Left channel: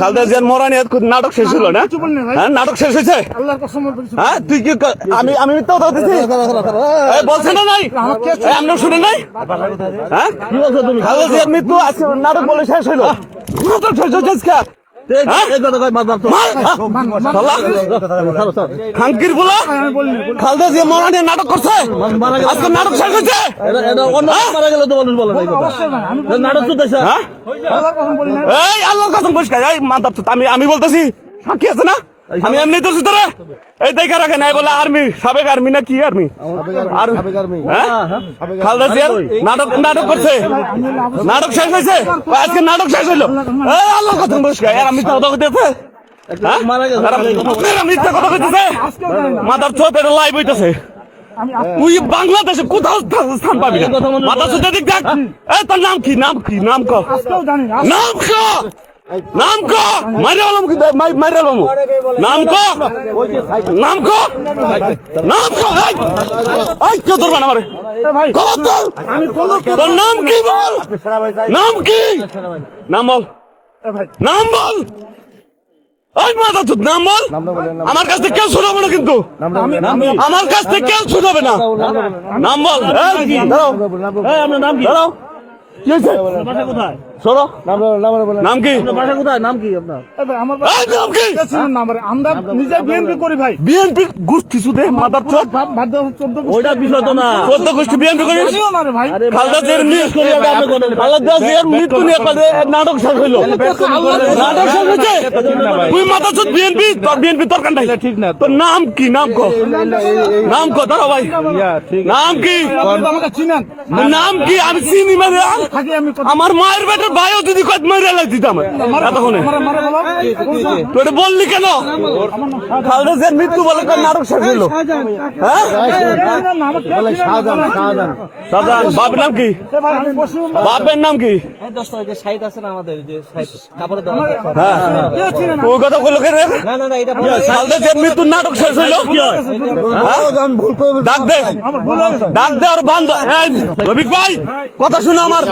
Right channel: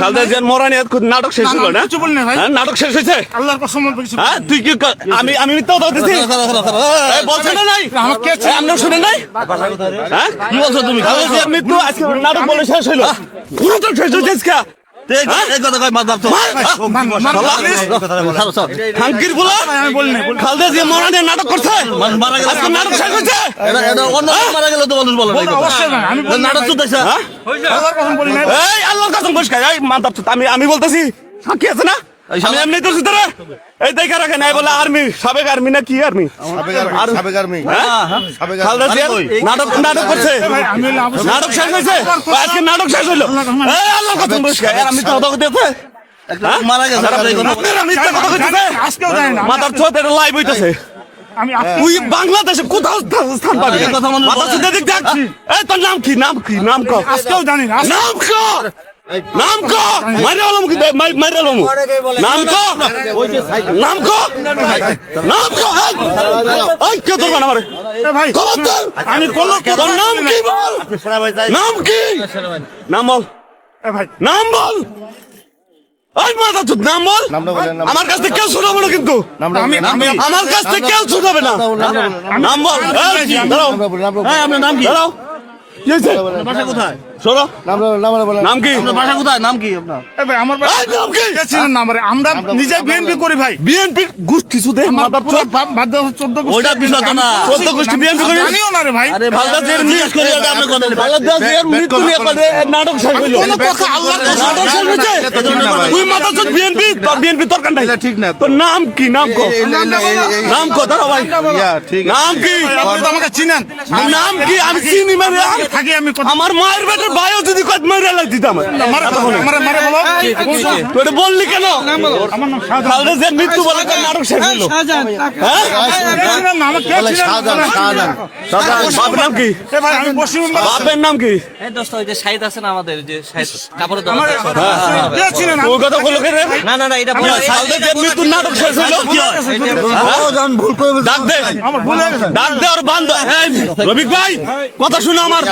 খালেদা জিয়ার মরা নিয়ে নাটক শেষ হলো না? হ্যাঁ, নাটক শেষ হয়েছে। হ্যাঁ, তুই কি আমি মিথ্যা কথা বলতেছি? বলছে না নাই, আমরা শুনে নাই। হ্যাঁ, খালেদা জিয়ার মৃত্যু আজকে নাটক বলে শেষ হইলো। নাটক শেষ হয়েছে আজকে। খালেদা জিয়া মরা নিয়ে নাটক করছে, আজকে নাটক শেষ হয়েছে। আল্লাহর কসম পরিষ্কার। আমি বলতেছি, সাক্ষী আছে না? আমি এমনি তো সুতরাং এই দেখে রাখে নাই বলে আর্মি, সাবেক আর্মি না কি আর্মি? খালেদা জিয়ার নাটক করছে, নাটক শেষ হয়েছে, আজকে নাটক শেষ হলো। আল্লাহর কসম পরিষ্কার। আমি তো কথা কইতেছে, মিথ্যা কথা কইতেছে, মাথার ছোট এটা লাইভ হইতেছে। তুই বাংলাদেশে কোথাও স্থান পাবি না। মাথা চুদে দিক দেখ। এই তোর নাম কি? নাম কি? নাম ক, নাম ক, নাম ক, মাইরে আলম কি? মাইরে আলম নাম ক, নাম ক, নাম ক। এই কে তোর বানা মারে? আমি কোন, তোর নাম কি বল? নাম কি? নাম বল, নাম বল। এই মাথা চুদ, নাম বল। আমার কাছ থেকে কেউ শোনাবো না, কিন্তু আমার কাছ থেকে কেউ শোনাবে না। নাম বল। দাঁড়াও, দাঁড়াও। কি হয়েছে? কোথায়? শোনো, নাম কি? নাম কি আপনার? আমরা নিজে বিএনপি করি ভাই। বিএনপি গোষ্ঠী শুধু মাদার চোদ, 14 গোষ্ঠী বিএনপি করি। খালেদা জিয়ার মৃত্যু নিয়ে নাটক শেষ হইলো, নাটক শেষ হয়েছে। তুই মাদার চোদ বিএনপি, তোর বিএনপি তোর কান্ডাই ঠিক না। তোর নাম কি? নাম কো, নাম কো। দাঁড়াও ভাই, নাম কি? আমাকে চিনেন? নাম কি? আমি চিনি মানে আমার মায়ের বেটার ভাইও যদি কত মাইরা লাগ দিতাম এতক্ষণে। তুই এটা বললি কেন? খালেদা জিয়ার মৃত্যু বলে নাটক শেষ হইলো। হ্যাঁ, শাহজাহান। বাপের নাম কি? বাপের নাম কি? শাহিদ আছে না আমাদের, যে কাপড়ের দোকান। ওই কথা বলো কেন? না এটা খালেদা জিয়ার মৃত্যুর নাটক শেষ হইলো। ডাক দে, ডাক দে আর বান্ধব। রবিক ভাই, কথা শুনো আমার।